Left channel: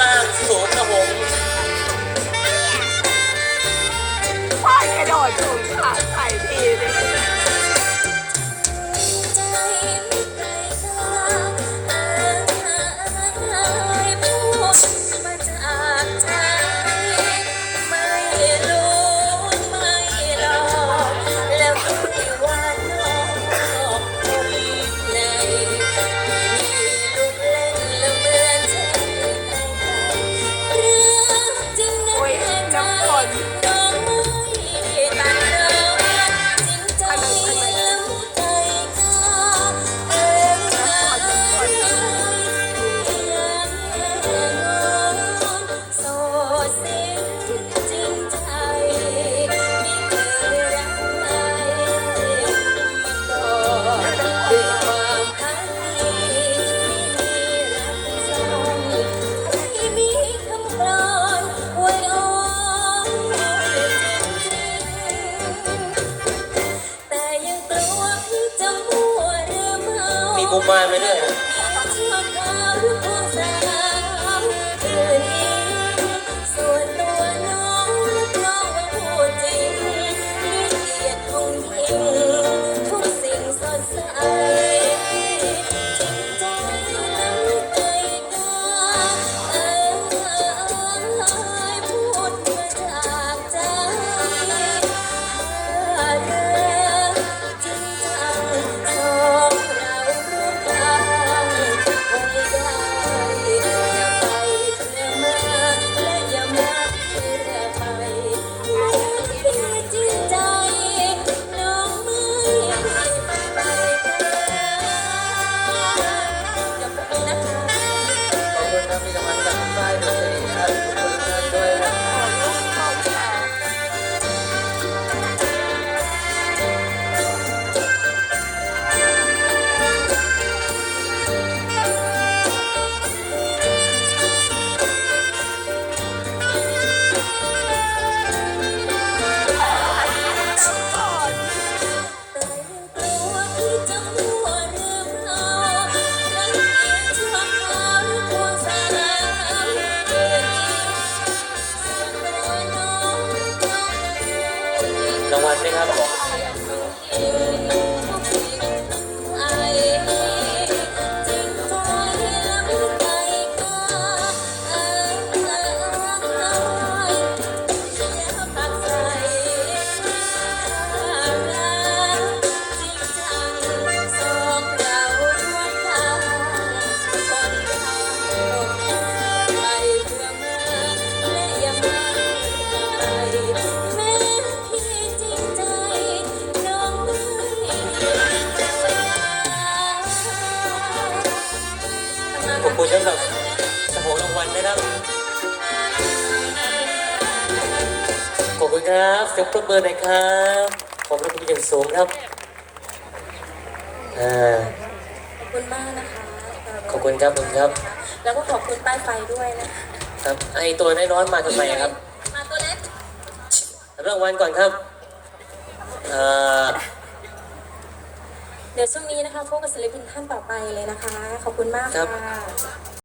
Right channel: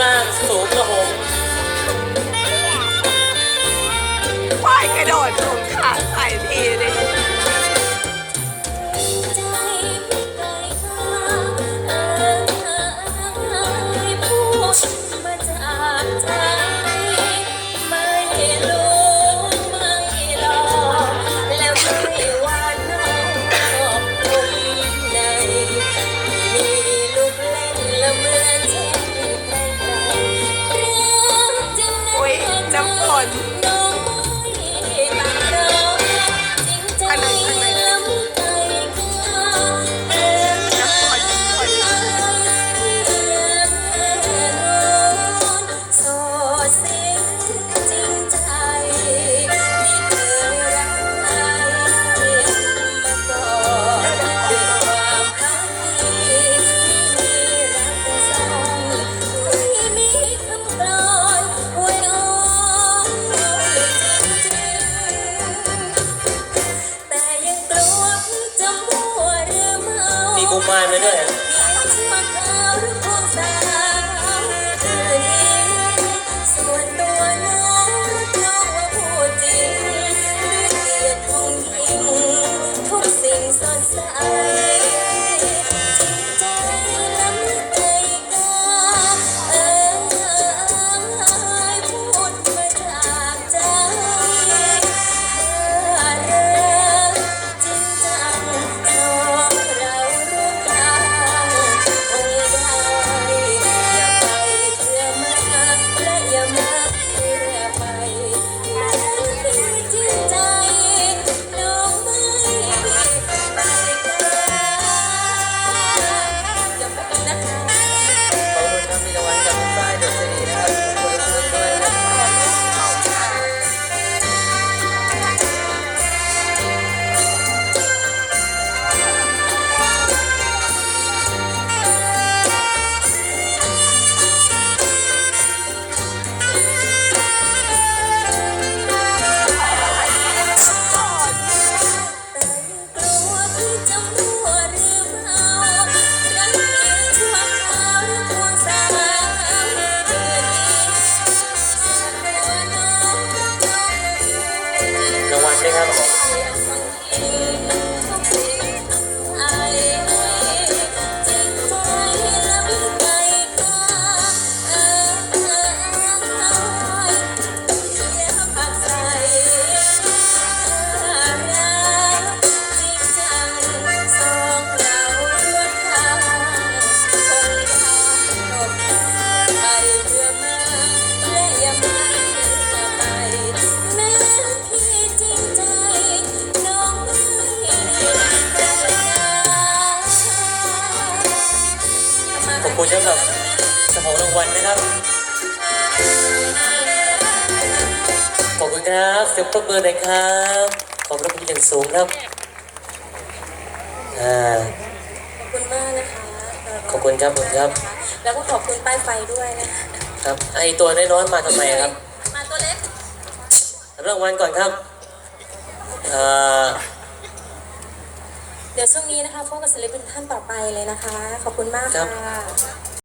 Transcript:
ล่างสูงครับผมควายกระโดดถุงขาใส่ทีนึงอุ้ น้ กุมารมาด้วย ขอบคุณสำหรับสมองรางวัลนะครับ ขอบคุณครับเสียงปรบมือหน่อยครับ ขอบพระคุณอย่างสูงครับอ่าขอบคุณมากนะคะขอบคุณครับผมครับ แล้วก็ขอบคุณใต้ไฟด้วยนะคะครับ ไอตัวน้อยๆมาทำไมครับ มาตัวเล็กรางวัลก่อนครับอ่า เดี๋ยวช่วงนี้นะคะพบกับศิลปินท่านต่อไปเลยนะคะ ขอบคุณมากค่ะ